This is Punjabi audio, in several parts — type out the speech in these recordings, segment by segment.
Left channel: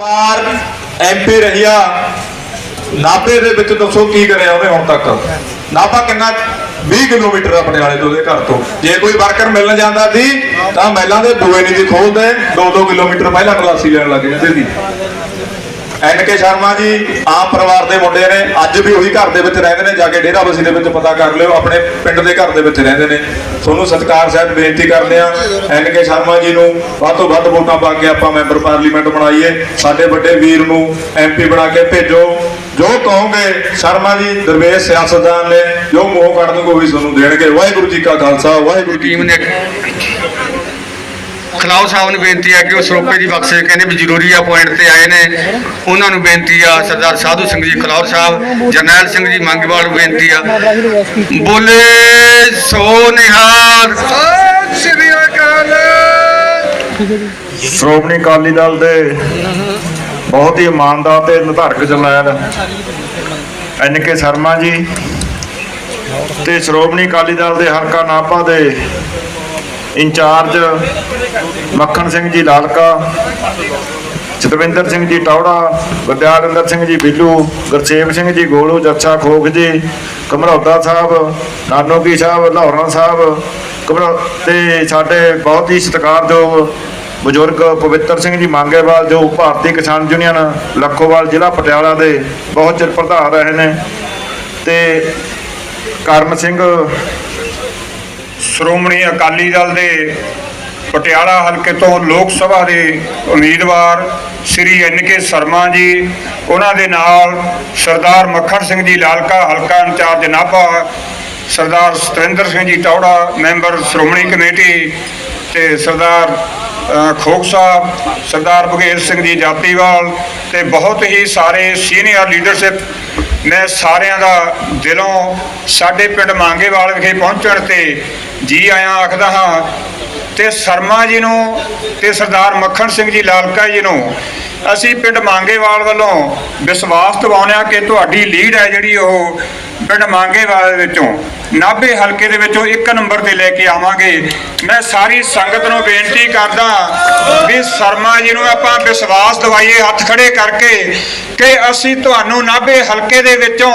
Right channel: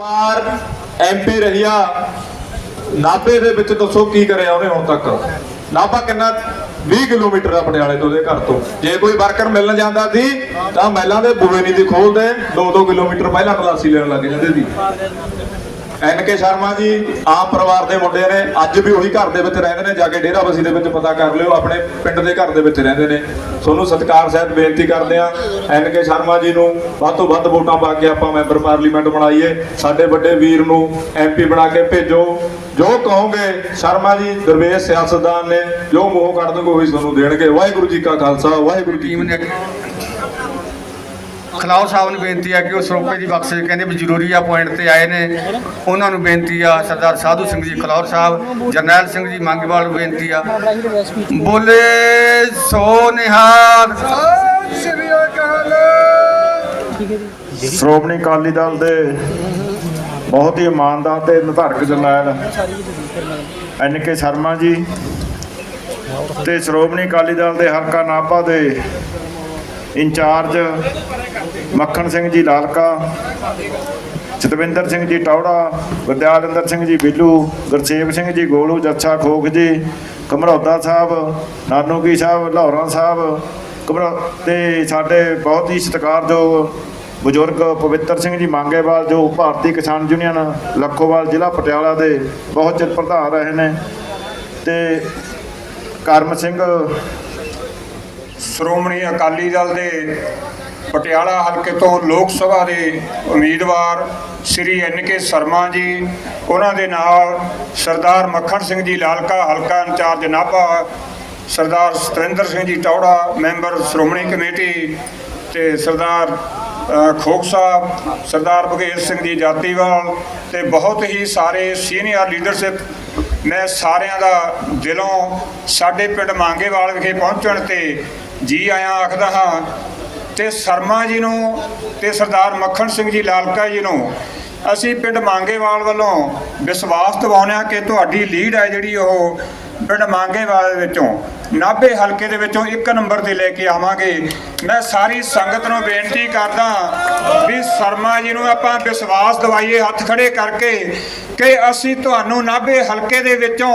ਵਾਰ ਐਮਪੀ ਰਹੀਆ, ਨਾਭੇ ਦੇ ਵਿੱਚ ਦੱਸੋ ਕੀ ਕਰਿਆ ਉਹਨੇ ਹੁਣ ਤੱਕ? ਨਾਭਾ ਕਿੰਨਾ 20 ਕਿਲੋਮੀਟਰ ਆ ਪਟਿਆਲੇ ਤੋਂ ਉਹਦੇ ਘਰ ਤੋਂ। ਜੇ ਕੋਈ ਵਰਕਰ ਮਿਲਣ ਜਾਂਦਾ ਸੀ, ਤਾਂ ਮਹਿਲਾਂ ਦੇ ਬੂਏ ਨਹੀਂ ਦੀ ਖੋਲਦੇ 2-2 ਕਿਲੋਮੀਟਰ ਪਹਿਲਾਂ ਕਲਾਸੀ ਲੈਣ ਲੱਗ ਜਾਂਦੇ ਸੀ। ਐਨ ਕੇ ਸ਼ਰਮਾ ਜੀ ਆਪ ਪਰਿਵਾਰ ਦੇ ਮੁੰਡੇ ਨੇ ਅੱਜ ਵੀ ਉਹੀ ਘਰ ਦੇ ਵਿੱਚ ਰਹਿੰਦੇ ਨੇ ਜਾ ਕੇ ਡੇਰਾ ਬਸੀ ਦੇ ਵਿੱਚ ਪਤਾ ਕਰ ਲਿਓ ਆਪਣੇ ਪਿੰਡ ਦੇ ਘਰ ਦੇ ਵਿੱਚ ਰਹਿੰਦੇ ਨੇ। ਤੁਹਾਨੂੰ ਸਤਿਕਾਰ ਸਾਹਿਬ ਬੇਨਤੀ ਕਰਦੇ ਆ ਐਨ ਕੇ ਸ਼ਰਮਾ ਜੀ ਨੂੰ ਵੱਧ ਤੋਂ ਵੱਧ ਵੋਟਾਂ ਪਾ ਕੇ ਆਪਾਂ ਮੈਂਬਰ ਪਾਰਲੀਮੈਂਟ ਬਣਾਈਏ। ਸਾਡੇ ਵੱਡੇ ਵੀਰ ਨੂੰ ਐਮਪੀ ਬਣਾ ਕੇ ਭੇਜੋ। ਜੋ ਕਹੋਗੇ ਸ਼ਰਮਾ ਜੀ ਦਰਵੇਸ਼ ਸਿਆਸਤਦਾਨ ਨੇ ਜੋ ਮੋਹ ਕੱਢ ਦੂਗੇ ਉਹੀ ਤੁਹਾਨੂੰ ਦੇਣਗੇ। ਵਾਹਿਗੁਰੂ ਜੀ ਕਾ ਖਾਲਸਾ ਵਾਹਿਗੁਰੂ ਜੀ ਟੀਮ ਨੇ ਖਲਾਉ ਸਾਹਿਬ ਨੂੰ ਬੇਨਤੀ ਆ ਕਿ ਉਹ ਸਰੋਪੇ ਦੀ ਬਖਸ਼ੇ ਕਹਿੰਦੇ ਵੀ ਜ਼ਰੂਰੀ ਆ ਪੁਆਇੰਟ ਤੇ ਆਏ ਨੇ। ਉਹਨਾਂ ਨੂੰ ਬੇਨਤੀ ਆ ਸਰਦਾਰ ਸਾਧੂ ਸਿੰਘ ਜੀ ਖਲਾਉ ਸਾਹਿਬ ਜਰਨੈਲ ਸਿੰਘ ਜੀ ਮੰਗਵਾਲ ਨੂੰ ਬੇਨਤੀ ਆ। ਬੋਲੇ ਸੋ ਨਿਹਾਲ ਸਤਿ ਸ੍ਰੀ ਅਕਾਲ। ਸ਼੍ਰੋਮਣੀ ਅਕਾਲੀ ਦਲ ਦੇ ਬਹੁਤ ਹੀ ਇਮਾਨਦਾਰ ਤੇ ਨਿਧਾਰਕ ਜਰਨੈਲ ਐਨ ਕੇ ਸ਼ਰਮਾ ਜੀ ਤੇ ਸ਼੍ਰੋਮਣੀ ਅਕਾਲੀ ਦਲ ਦੇ ਹਲਕਾ ਨਾਭਾ ਦੇ ਇੰਚਾਰਜ ਮੱਖਣ ਸਿੰਘ ਜੀ ਲਾਲਕਾ, ਜਤਵਿੰਦਰ ਸਿੰਘ ਜੀ ਟੌੜਾ ਵਿਦਿਆਰਿੰਦਰ ਸਿੰਘ ਜੀ ਬਿੱਲੂ, ਗੁਰਸੇਵ ਸਿੰਘ ਜੀ ਗੋਲੂ ਜੱਛਾ ਖੋਖ ਜੀ, ਕਮਰੌਦਾ ਸਾਹਿਬ ਨਾਨੋਕੀ ਸਾਹਿਬ, ਲਾਹੌਰਾਂ ਸਾਹਿਬ, ਕਮਰੌ, ਤੇ ਸਾਡੇ ਬਹੁਤ ਹੀ ਸਤਿਕਾਰਯੋਗ ਬਜ਼ੁਰਗ ਪਵਿੱਤਰ ਸਿੰਘ ਜੀ ਮੰਗੇਵਾਲ ਜੋ ਭਾਰਤੀ ਕਿਸਾਨ ਯੂਨੀਅਨ ਲੱਖੋਵਾਲ ਜ਼ਿਲ੍ਹਾ ਪਟਿਆਲਾ ਦੇ ਬਹੁਤ ਚਿਰ ਪ੍ਰਧਾਨ ਰਹੇ ਨੇ ਤੇ ਕਰਨ ਸਿੰਘ ਸ਼੍ਰੋਮਣੀ ਅਕਾਲੀ ਦਲ ਦੇ ਪਟਿਆਲਾ ਹਲਕੇ ਤੋਂ ਲੋਕ ਸਭਾ ਦੇ ਉਮੀਦਵਾਰ ਸ੍ਰੀ ਐਨ ਕੇ ਸ਼ਰਮਾ ਜੀ ਉਹਨਾਂ ਦੇ ਨਾਲ ਸਰਦਾਰ ਮੱਖਣ ਸਿੰਘ ਜੀ ਲਾਲਕਾ ਹਲਕਾ incharge Nabha Sardar Satrinder Singh ji Tohra member Shiromani committee ਤੇ ਸਰਦਾਰ ਅ, ਖੋਖ ਸਾਹਿਬ ਸਰਦਾਰ ਬਘੇਲ ਸਿੰਘ ਜੀ ਜਾਤੀਵਾਲ ਤੇ ਬਹੁਤ ਹੀ ਸਾਰੇ ਸੀਨੀਅਰ ਲੀਡਰਸ਼ਿਪ ਮੈਂ ਸਾਰਿਆਂ ਦਾ ਦਿਲੋਂ ਸਾਡੇ ਪਿੰਡ ਮੰਗੇਵਾਲ ਵਿਖੇ ਪਹੁੰਚਣ ਤੇ ਜੀ ਆਇਆਂ ਆਖਦਾ ਹਾਂ ਤੇ ਸ਼ਰਮਾ ਜੀ ਨੂੰ ਤੇ ਸਰਦਾਰ ਮੱਖਣ ਸਿੰਘ ਜੀ, ਲਾਲਕਾ ਜੀ ਨੂੰ ਅਸੀਂ ਪਿੰਡ ਮੰਗੇਵਾਲ ਵੱਲੋਂ ਵਿਸ਼ਵਾਸ ਦਿਵਾਉਂਦੇ ਹਾਂ ਕਿ ਤੁਹਾਡੀ ਲੀਡ ਹੈ ਜਿਹੜੀ ਉਹ ਪਿੰਡ ਮੰਗੇਵਾਲ ਵਿੱਚੋਂ। ਨਾਭੇ ਹਲਕੇ ਦੇ ਵਿੱਚੋਂ ਇੱਕ ਨੰਬਰ ਤੇ ਲੈ ਕੇ ਆਵਾਂਗੇ। ਮੈਂ ਸਾਰੀ ਸੰਗਤ ਨੂੰ ਬੇਨਤੀ ਕਰਦਾ ਵੀ ਸ਼ਰਮਾ ਜੀ ਨੂੰ ਆਪਾਂ ਵਿਸ਼ਵਾਸ ਦਿਵਾਈਏ ਹੱਥ ਖੜੇ ਕਰਕੇ ਕਿ ਅਸੀਂ ਤੁਹਾਨੂੰ ਨਾਭੇ ਹਲਕੇ ਦੇ ਵਿੱਚੋਂ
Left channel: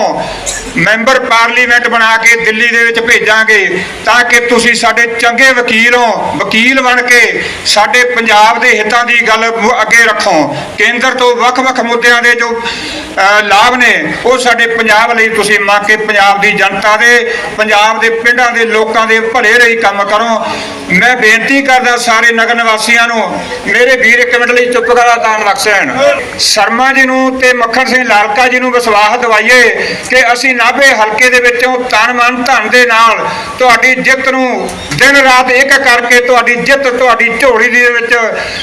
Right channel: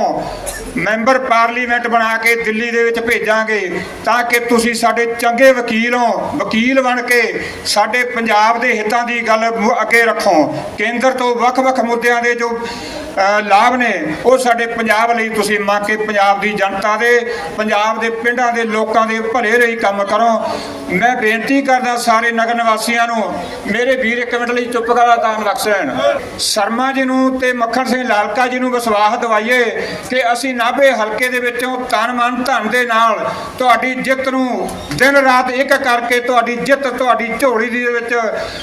ਮੈਂਬਰ ਪਾਰਲੀਮੈਂਟ ਬਣਾ ਕੇ ਦਿੱਲੀ ਦੇ ਵਿੱਚ ਭੇਜਾਂਗੇ ਤਾਂ ਕਿ ਤੁਸੀਂ ਸਾਡੇ ਚੰਗੇ ਵਕੀਲ ਹੋ ਵਕੀਲ ਬਣ ਕੇ ਸਾਡੇ ਪੰਜਾਬ ਦੇ ਹਿੱਤਾਂ ਦੀ ਗੱਲ ਅੱਗੇ ਰੱਖੋ। ਕੇਂਦਰ ਤੋਂ ਵੱਖ-ਵੱਖ ਮੁੱਦਿਆਂ ਦੇ ਜੋ ਅ, ਲਾਭ ਨੇ ਉਹ ਸਾਡੇ ਪੰਜਾਬ ਲਈ ਤੁਸੀਂ ਮੰਗ ਕੇ ਪੰਜਾਬ ਦੀ ਜਨਤਾ ਦੇ ਪੰਜਾਬ ਦੇ ਪਿੰਡਾਂ ਦੇ ਲੋਕਾਂ ਦੇ ਭਲੇ ਲਈ ਕੰਮ ਕਰੋ। ਮੈਂ ਬੇਨਤੀ ਕਰਦਾ ਸਾਰੇ ਨਗਰ ਨਿਵਾਸੀਆਂ ਨੂੰ, ਮੇਰੇ ਵੀਰ ਇੱਕ ਮਿੰਟ ਲਈ ਚੁੱਪ ਕਰਾ ਦਾਨ ਲਖਸੈਣ ਸ਼ਰਮਾ ਜੀ ਨੂੰ ਤੇ ਮੱਖਣ ਸਿੰਘ ਲਾਲਕਾ ਜੀ ਨੂੰ ਵਿਸ਼ਵਾਸ ਦਿਵਾਈਏ ਕਿ ਅਸੀਂ ਨਾਭੇ ਹਲਕੇ ਦੇ ਵਿੱਚੋਂ ਤਨ ਮਨ ਧਨ ਦੇ ਨਾਲ ਤੁਹਾਡੀ ਜਿੱਤ ਨੂੰ ਦਿਨ ਰਾਤ ਇੱਕ ਕਰਕੇ ਤੁਹਾਡੀ ਜਿੱਤ, ਤੁਹਾਡੀ ਝੋਲੀ ਦੇ ਵਿੱਚ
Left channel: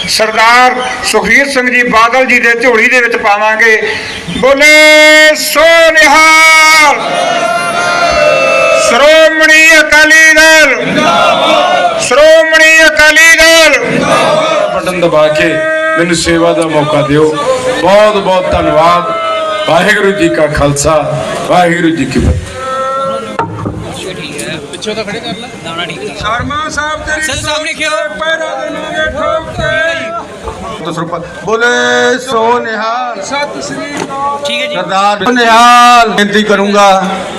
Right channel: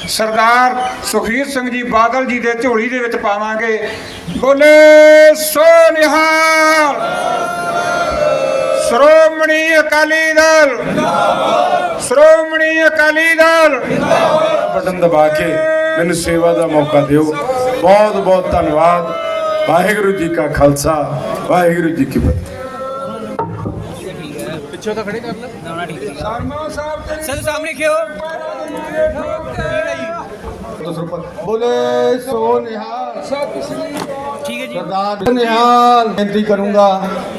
ਸਰਦਾਰ ਸੁਖਬੀਰ ਸਿੰਘ ਜੀ ਬਾਦਲ ਜੀ ਦੇ ਝੋਲੀ ਦੇ ਵਿੱਚ ਪਾਵਾਂਗੇ। ਬੋਲੇ ਸੋ ਨਿਹਾਲ! ਸ਼੍ਰੋਮਣੀ ਅਕਾਲੀ ਦਲ। ਸ਼੍ਰੋਮਣੀ ਅਕਾਲੀ ਦਲ। ਬਟਨ ਦਬਾ ਕੇ ਮੈਨੂੰ ਸੇਵਾ ਦਾ ਮੌਕਾ ਦਿਓ। ਬਹੁਤ ਬਹੁਤ ਧੰਨਵਾਦ। ਵਾਹਿਗੁਰੂ ਜੀ ਕਾ ਖਾਲਸਾ ਵਾਹਿਗੁਰੂ ਜੀ ਕੀ ਫਤਿਹ। ਸ਼ਰਮਾ ਸਾਹਿਬ ਤੇਰੀ ਸਰ ਸਾਹਮਣੇ ਕਿਉਂ ਪੈਰਾ ਦੇਵਾਂਗੇ ਠੋਕ ਕੇ ਦਸਰੂਪ ਬੋਲੇ ਸੋ ਨਿਹਾਲ। ਸਤਿ ਸ੍ਰੀ ਅਕਾਲ। ਠੀਕ ਹੈ ਜੀ। ਸਰਦਾਰ ਨਿਹਾਲ ਬੇਨਤੀ ਕਰੂੰਗਾ।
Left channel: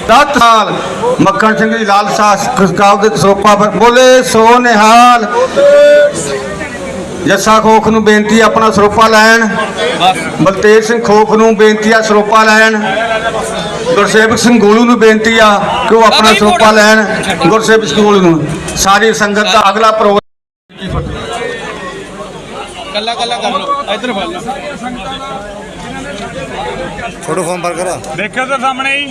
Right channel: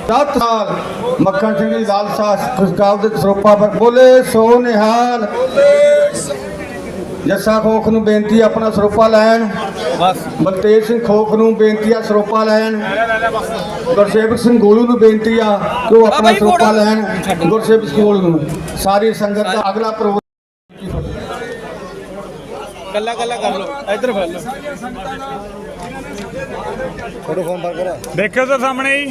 10 ਸਾਲ ਮੱਖਣ ਸਿੰਘ ਜੀ ਲਾਲਸਾ ਖੁਸ਼ਕਾਲ ਦੇ ਸਰੋਪਾ ਪਰ ਬੋਲੇ ਸੋ ਨਿਹਾਲ। ਜੱਸਾ ਖੋਖ ਨੂੰ ਬੇਨਤੀ ਆਪਣਾ ਸਰੋਪਾ ਲੈਣ। ਬਲਤੇਜ ਸਿੰਘ ਖੋਖ ਨੂੰ ਬੇਨਤੀ ਆ ਸਰੋਪਾ ਲੈਣ। ਗੁਰਸੇਵਕ ਸਿੰਘ ਗੋਲੂ ਨੂੰ ਬੇਨਤੀ ਆ ਕਿ ਉਹ ਆਪਣਾ ਸਰੋਪਾ ਲੈਣ। ਗੁਰਸੇਵਕ ਸਿੰਘ ਗੋਲੂ ਨੂੰ। ਸਾਰੀ ਸੰਗਤ ਦਾ ਅਗਲਾ ਪ੍ਰੋਗਰਾਮ ਕੱਲਾ ਕੱਲਾ ਕਰ ਲਓ। ਇੱਧਰ ਫੜ ਲਓ। ਦੇਖਿਓ ਤਾਂ ਸਾਹਮਣੇ ਹੀ।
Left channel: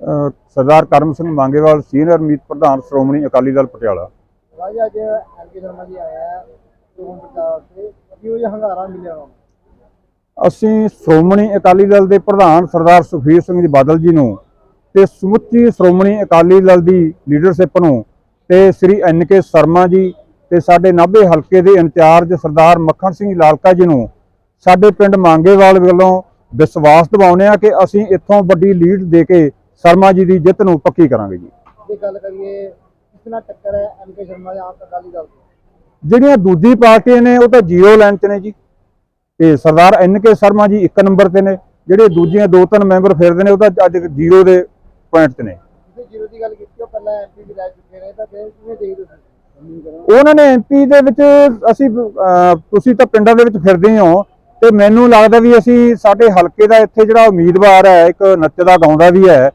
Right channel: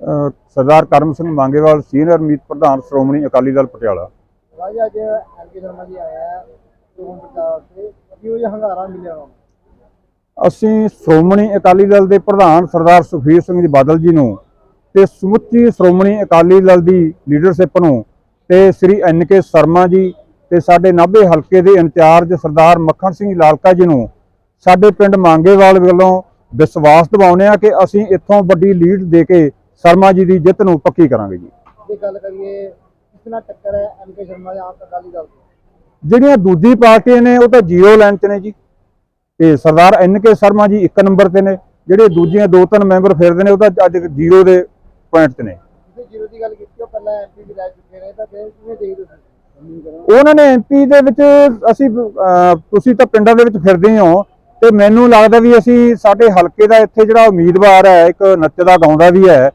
ਅ, ਸਰਦਾਰ ਕਰਮ ਸਿੰਘ ਮੰਗੇਵਾਲ ਸੀਨੀਅਰ ਮੀਤ ਪ੍ਰਧਾਨ ਸ਼੍ਰੋਮਣੀ ਅਕਾਲੀ ਦਲ ਪਟਿਆਲਾ। ਰਾਜ ਅੱਜ ਐਮਕੇ ਸ਼ਰਮਾ ਜੀ ਆਇਆ ਹੈ ਚੋਣ ਪ੍ਰਚਾਰ ਵਾਸਤੇ। ਕਿਉਂ ਜਿਹਾ ਹੰਗਾਰਾ ਮਿਲਿਆ ਅਸੀਂ ਸ਼੍ਰੋਮਣੀ ਅਕਾਲੀ ਦਲ ਦੇ ਪ੍ਰਧਾਨ ਸਰਦਾਰ ਸੁਖਬੀਰ ਸਿੰਘ ਜੀ ਬਾਦਲ ਜੀ ਨੂੰ ਤੇ ਸਮੁੱਚੀ ਸ਼੍ਰੋਮਣੀ ਅਕਾਲੀ ਦਲ ਦੀ ਲੀਡਰਸ਼ਿਪ ਨੂੰ ਤੇ ਸ੍ਰੀ ਐਨ ਕੇ ਸ਼ਰਮਾ ਜੀ ਤੇ ਸਾਡੇ ਨਾਭੇ ਹਲਕੇ ਦੇ ਇੰਚਾਰਜ ਸਰਦਾਰ ਮੱਖਣ ਸਿੰਘ ਲਾਲਕਾ ਜੀ ਨੂੰ ਸਾਡੇ ਪਿੰਡ ਮੰਗੇਵਾਲ ਵੱਲੋਂ ਵਿਸ਼ਵਾਸ ਦਿਵਾਉਂਦੇ ਆ ਕਿ ਅਸੀਂ ਇੱਥੋਂ ਵੱਡੀ ਲੀਡ ਦੇ ਕੇ ਸ਼ਰਮਾ ਜੀ ਦੀ ਜਿੱਤ ਨੂੰ ਪੱਕੀ ਕਰਾਂਗੇ ਜੀ। ਜੇ ਗੱਲ ਕਰੀਏ ਕਿਸ ਨਾਲ ਟੱਕਰ ਹੈ? ਐਮਕੇ ਸ਼ਰਮਾ ਦੇ ਆਪ ਅਕਾਲੀ ਦਲ ਤੋਂ। ਜਿਹੜੀਆਂ ਦੂਜੀ ਪਾਰਟੀਆਂ ਨੇ ਉਹ ਤਾਂ ਜ਼ੀਰੋ ਲਾਈਨ 'ਚ ਨੇ ਜੀ। ਤੇ ਸਰਦਾਰ ਐਨ ਕੇ ਸ਼ਰਮਾ ਜੀ ਇੱਕ ਨੰਬਰ ਤੇ ਨੇ। ਜਿਹੜੇ ਦੂਜੀਆਂ ਦੋ ਤਿੰਨ ਮੈਂਬਰ ਫਿਰਦੇ ਨੇ ਉਹ ਤਾਂ ਅੱਜ ਜ਼ੀਰੋ ਦੇ ਪੁਆਇੰਟ ਤੇ ਨੇ। ਜੀਰੋ ਦੀ ਗੱਲ ਕੀਤੀ ਉਹ ਪਹਿਲਾਂ ਐਮਪੀ ਵੀ ਰਹਿ ਚੁੱਕੇ ਨੇ ਤਾਂ ਫਿਰ ਕਿਵੇਂ ਦੇਖਦੇ ਤੁਸੀਂ? ਉਹਨਾਂ ਨੇ ਐਮਪੀ ਦੇ ਵਿੱਚ ਅਸੀਂ ਅਹ, ਤੁਸੀਂ ਤਾਂ ਪਿੰਡਾਂ ਦੇ ਵਿੱਚ ਫਿਰਦੇ ਹੋ ਤੇ ਮੈਨੂੰ ਲੱਗਦਾ ਵੀ ਅਸੀਂ ਸਾਡੇ ਹਲਕੇ ਦਾ ਇੱਥੇ ਜਿਹੜਾ ਉਮੀਦਵਾਰ ਹੈ ਇੱਕ ਨੱਚਦਾ ਗਾਉਂਦਾ ਵੀ ਹੈ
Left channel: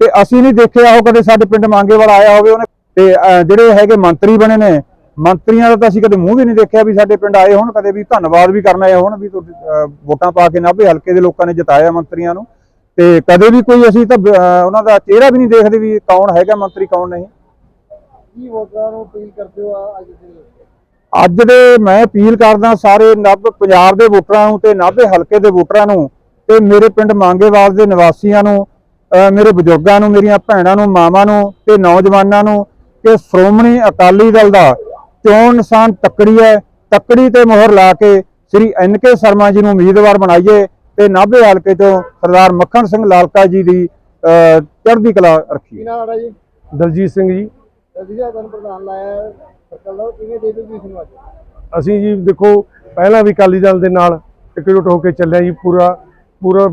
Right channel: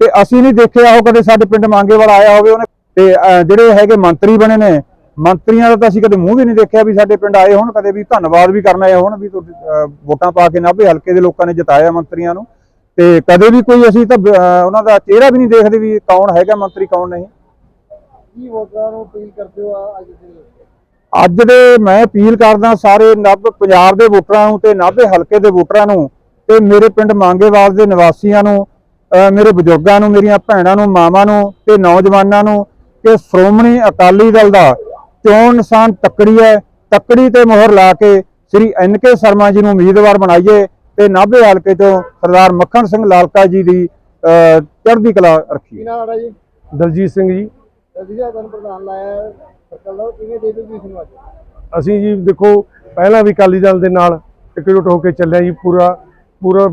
ਤੇ ਅਸੀਂ ਨਹੀਂ ਦੇਖਿਆ ਉਹ ਕਦੇ ਸਾਡੇ ਪਿੰਡ ਮੰਗੇਵਾਲ ਆਇਆ ਹੋਵੇ ਉਹਨੇ ਤੇ ਜਿਹੜੇ ਹੈਗੇ ਮੰਤਰੀ ਬਣੇ ਨੇ ਮੰਤਰੀਆਂ ਦਾ ਤਾਂ ਅਸੀਂ ਕਦੇ ਮੂੰਹ ਵੀ ਨਹੀਂ ਦੇਖਿਆ ਵੀ ਸਾਡੇ ਪਿੰਡ ਆਏ ਹੋਣ ਕਦੇ ਵੀ ਧੰਨਵਾਦ ਵੀ ਕਰਨਾ ਆਏ ਹੋਣ ਵੀ ਵੋਟਾਂ ਪਾ ਕੇ ਨਾਭੇ ਹਲਕੇ ਦੇ ਲੋਕਾਂ ਨੇ ਜਿਤਾਇਆ ਮੰਤਰੀਆਂ ਨੂੰ ਤੇ ਕਦੇ ਵੀ ਕੋਈ ਅਸੀਂ ਤਾਂ ਉਹਨਾਂ ਦਾ ਚਿਹਰਾ ਵੀ ਨਹੀਂ ਦੇਖਦੇ ਵੀ ਕੌਣ ਹੈਗਾ ਮੰਤਰੀ ਕੌਣ ਨਹੀਂ। ਕੀ ਵੋਟਰਾਂ ਨੂੰ ਅਪੀਲ ਕਰਦੇ ਹੋ ਆ- ਅੱਜ ਦੇ ਅੱਜ ਦੇ ਮੈਂ ਅਪੀਲ ਕਰਦਾ ਸਾਰੇ ਨੱਬ ਪੰਜਾਬ ਦੇ ਵੋਟਰਾਂ ਨੂੰ ਤੇ ਨਾਭੇ ਹਲਕੇ ਦੇ ਵੋਟਰਾਂ ਨੂੰ ਤੇ ਮੇਰੇ ਪਿੰਡ ਮੰਗੇਵਾਲ ਦੇ ਨਿਵਾਸੀਆਂ ਨੂੰ ਮੇਰੇ ਬਜ਼ੁਰਗਾਂ ਨੂੰ ਮੇਰੀਆਂ ਭੈਣਾਂ ਨੂੰ ਮਾਵਾਂ ਨੂੰ ਤੇ ਨੌਜਵਾਨਾਂ ਨੂੰ ਕਿ ਸ਼੍ਰੋਮਣੀ ਅਕਾਲੀ ਦਲ ਦਾ ਚੋਣ ਨਿਸ਼ਾਨ ਤੱਕੜੀ ਹੈ ਤੱਕੜੀ ਤੇ ਮੋਹਰ ਲਾ ਕੇ ਸ੍ਰੀ ਐਨ ਕੇ ਸ਼ਰਮਾ ਜੀ ਨੂੰ ਉਮੀਦਵਾਰ ਬਣਾਈਏ ਤੇ ਨਾਭੇ ਹਲਕੇ ਤੋਂ ਸਰਦਾਰ ਮੱਖਣ ਸਿੰਘ ਲਾਲਕਾ ਜੀ ਦੀ ਅਹ ਚੜ੍ਹਦੀ ਕਲਾ ਰੱਖੀਏ। ਦਲਜੀਤ ਸਿੰਘ ਜੀ। ਰਜੀਆ ਤੁਹਾਨੂੰ ਪ੍ਰਧਾਨ ਲਾਇਆ ਸਰਕਲ ਦਾ ਕਿਵੇਂ ਦੇ ਦਿਓ ਤੁਸੀਂ ਨੂੰ ਅੱਜ? ਅਸੀਂ ਜੀ ਦੇਖੋ ਪਹਿਲਾਂ ਵੀ ਅਕਾਲੀ ਦਲ ਦੇ ਨਾਲ ਇਕਜੁੱਟ ਹੋ ਕੇ ਚੱਲਿਆ ਜੀ ਪੂਰਾ ਪੂਰਾ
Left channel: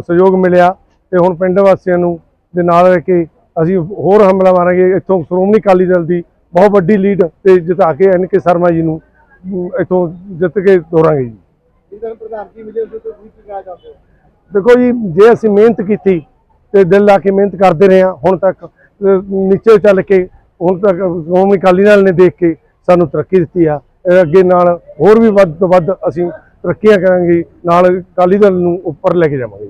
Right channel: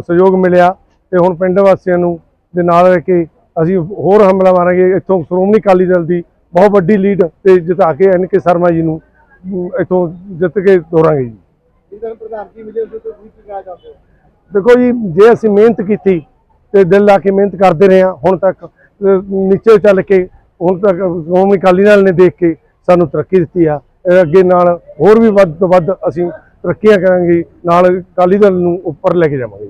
ਸਹਿਯੋਗ ਮਿਲਿਆ ਤੇ ਹੁਣ ਪਿੰਡ ਵਾਸੀਆਂ ਨੂੰ ਦੇ ਨਾਲ ਰਹਿ ਕੇ ਅਸੀਂ ਹੋਰ ਹਮਲਾ ਮਾਰਾਂਗੇ। ਇੱਥੋਂ ਸ਼੍ਰੋਮਣੀ ਅਕਾਲੀ ਦਲ ਦੀ ਬਹੁਤ ਵੱਡੀ ਲੀਡ ਤੇ ਜਿਤਾ ਕੇ ਐਨ ਕੇ ਸ਼ਰਮਾ ਜੀ ਨੂੰ ਇੱਥੋਂ ਜਿੱਤ ਕੇ ਤੋਰਾਂਗੇ ਜੀ। ਦੇਖੋ ਜੀ ਜੇ ਅਸੀਂ ਮਿਹਨਤ ਕੀਤੀ ਤੇ ਦਿਲ ਲਾ ਕੇ ਮਿਹਨਤ ਕਰਦੇ ਰਹੇ ਹਾਂ ਹੁਣ ਤੱਕ ਨੀਚੇ ਚੱਲ ਕੇ ਹੁਣ ਤੱਕ ਸ਼੍ਰੋਮਣੀ ਅਕਾਲੀ ਦਲ ਨੇ ਦੇਖ ਕੇ ਸਾਨੂੰ ਤਰੱਕੀ ਦਿੱਤੀ ਆ। ਅੱਗੇ ਨਾਲ ਹੋਰ ਵੀ ਵੱਧ ਤੋਂ ਵੱਧ ਅਸੀਂ ਤਰੱਕੀਆਂ ਕਰਾਂਗੇ, ਨਾਲ ਅਕਾਲੀ ਦਲ ਨੂੰ ਉੱਪਰ ਲੈ ਕੇ ਜਾਵਾਂਗੇ।